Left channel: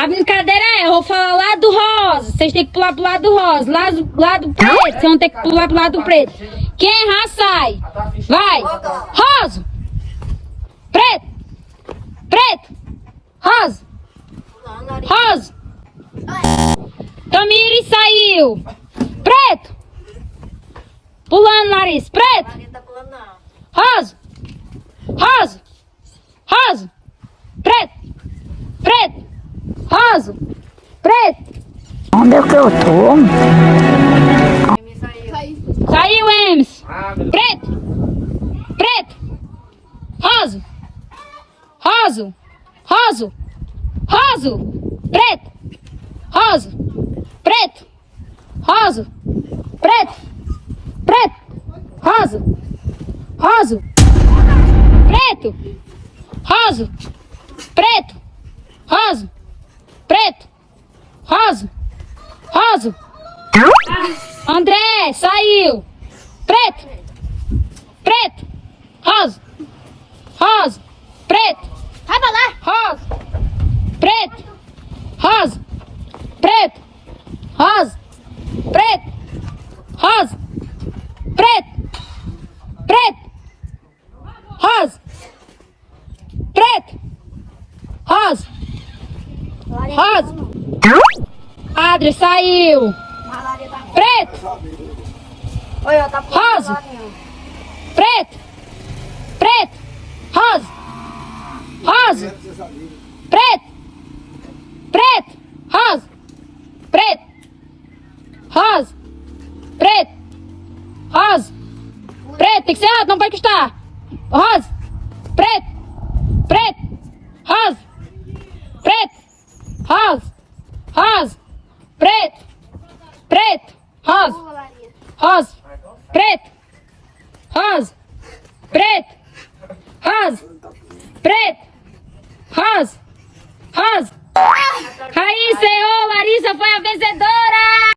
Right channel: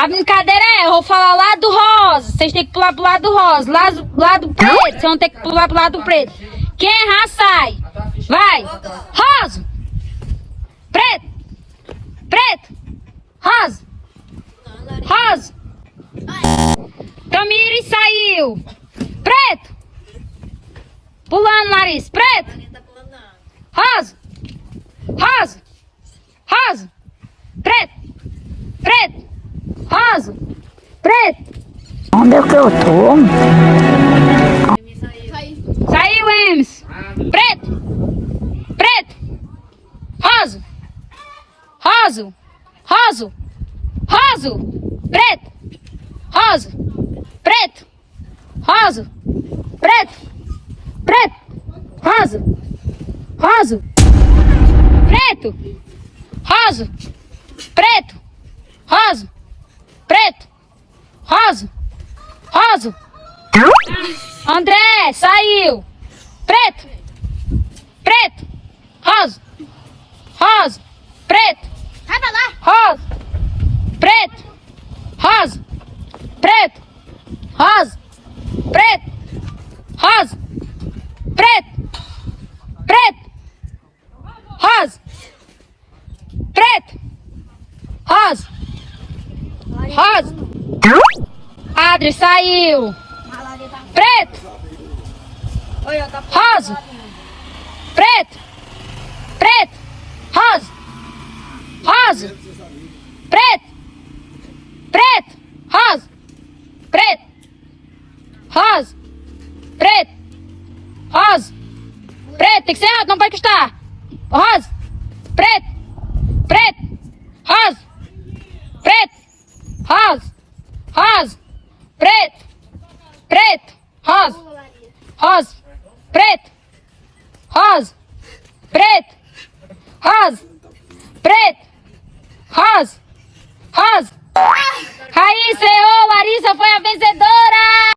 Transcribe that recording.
A brincadeira é, eu vou falar lá do rosa. Vocês têm que pular pro lado do rosa. Lado preto, vocês vão ter que pular pro lado do preto. Quem errar, sai. Vai. Rosa. Preto. Preto. Rosa. Rosa. Tamires saiu. Preto. Pulando nariz. Preto. Rosa. Rosa. Rosa. Preto. Preto. Rosa. Preto. Onde é que eu tô? Saiu, Emes. Preto. Preto. Rosa. Rosa. Rosa. Rosa. Preto. Rosa. Preto. Rosa. Preto. Preto. Rosa. Rosa. Preto. Rosa. Preto. Rosa. Preto. Rosa. Rosa. André, saiu. Preto. Preto. Rosa. Rosa. Preto. Vai pra lá. Rosa. Preto. Rosa. Preto. Rosa. Preto. Rosa. Preto. Preto. Rosa. Preto. Rosa. Rosa. Adri saiu. Preto. Rosa. Preto. Preto. Rosa. Rosa. Preto. Preto. Rosa. Preto. Rosa. Preto. Rosa. Preto. Tem que ser alto, não pode custar. Rosa. Preto. Preto. Rosa. Preto. Rosa. Rosa. Preto. Preto. Rosa. Rosa. Preto. Rosa. Preto. Rosa. Preto. Rosa. Rosa. Raíssa errou, Larissa foi a vencedora!